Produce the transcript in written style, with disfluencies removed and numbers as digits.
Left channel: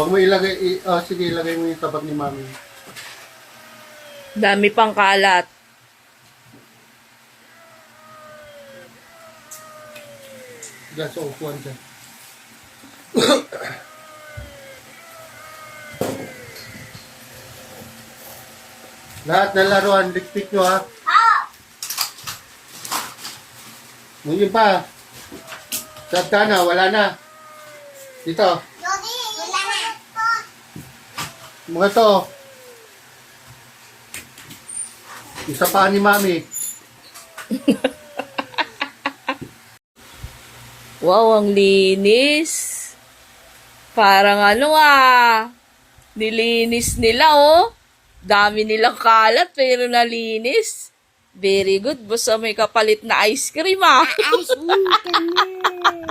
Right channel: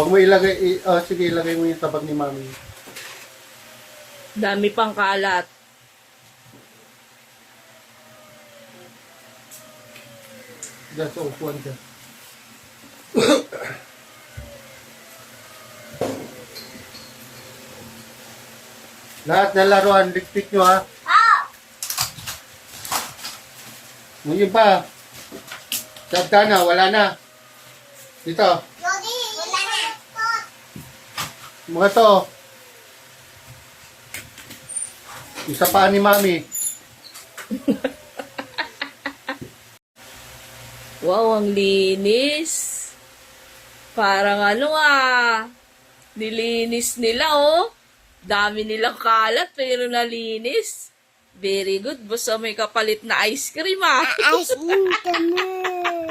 Huwag mo ilagay, sige, ilagay mo yung tabak ni Mami. Dami pang kalat. Diyan sa upuan ka. Lahat ng laruan, likpit nyo ha. Ngayon pa. Sabta na, wala na. Dito. Mga to. Isa pa ni Mami. Wow, ang linis. Parang nilinis nila Dami nilang kalat pero nalinis. Very good. Basta may kapalit na ice cream Ice cream ka na.